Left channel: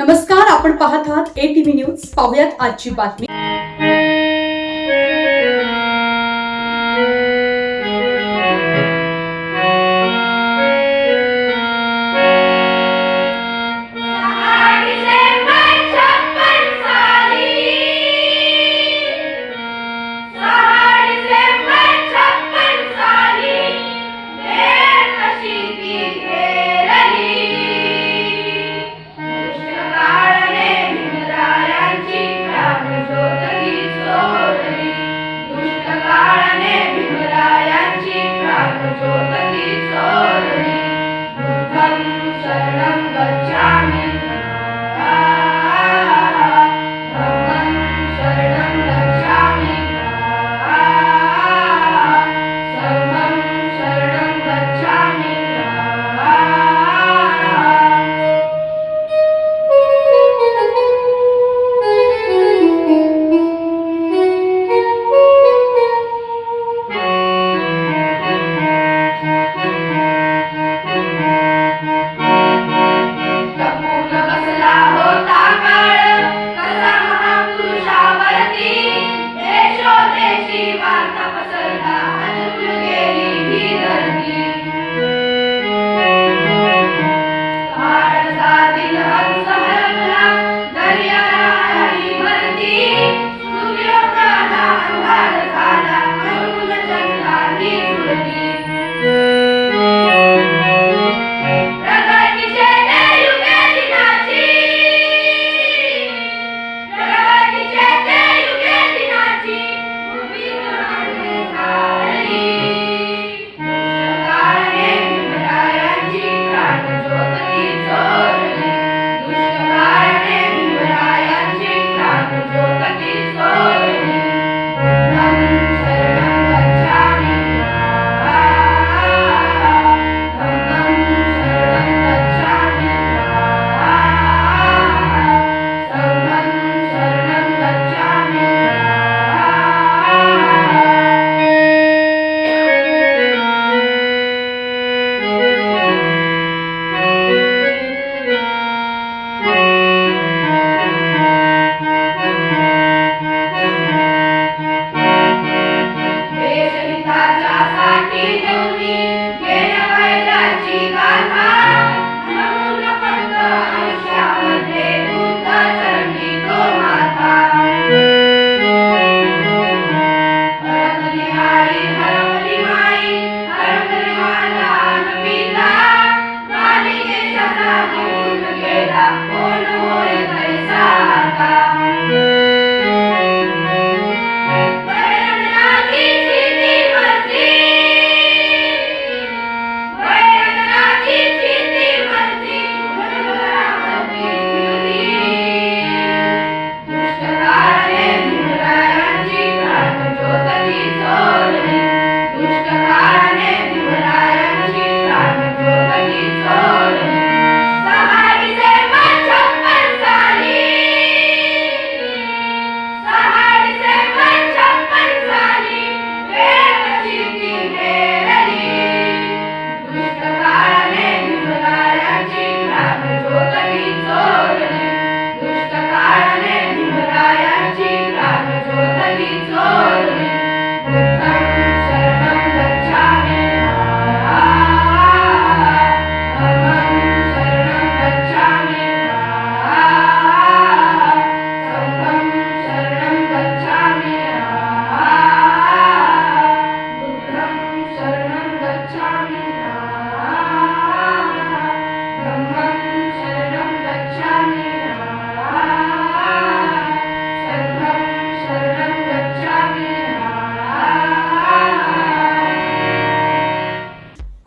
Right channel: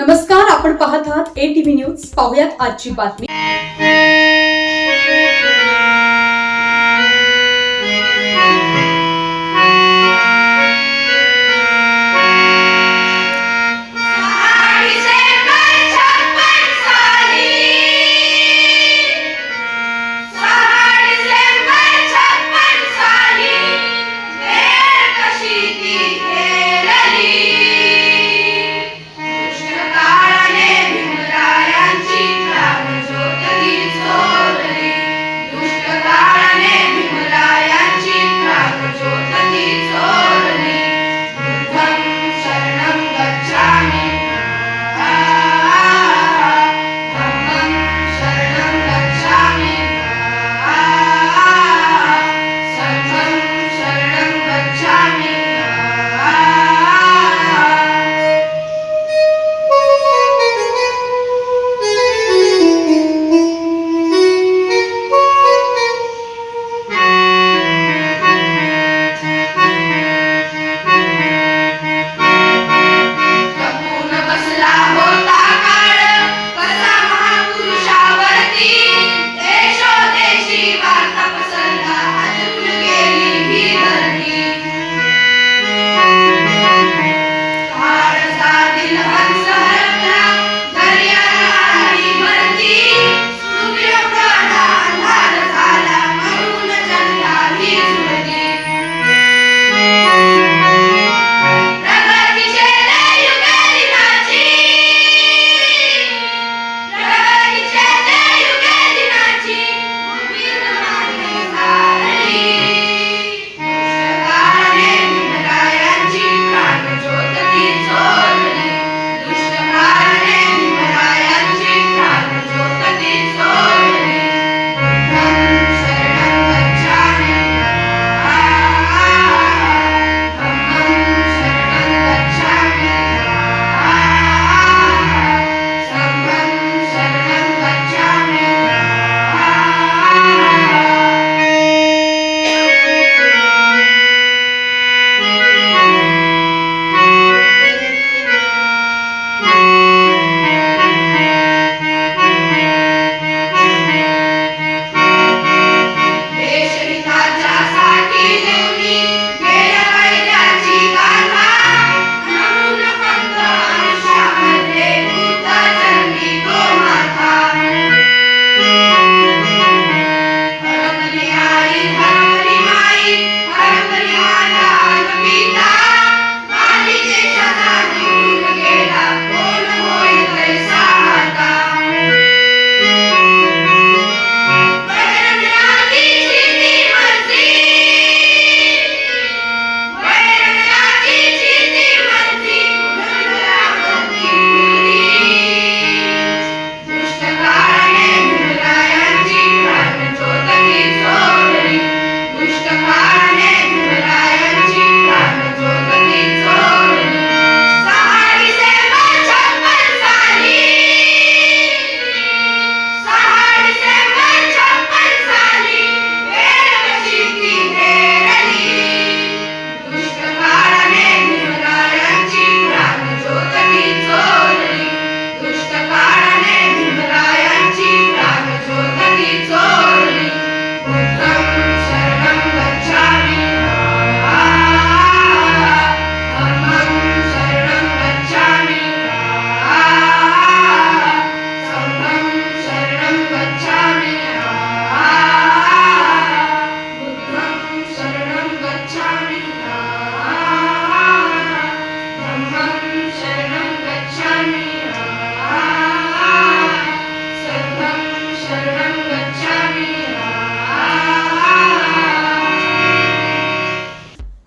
नमस्कार आपण पाहत आहात ए टीव्ही न्यूज पाहुयात आजची बातमी.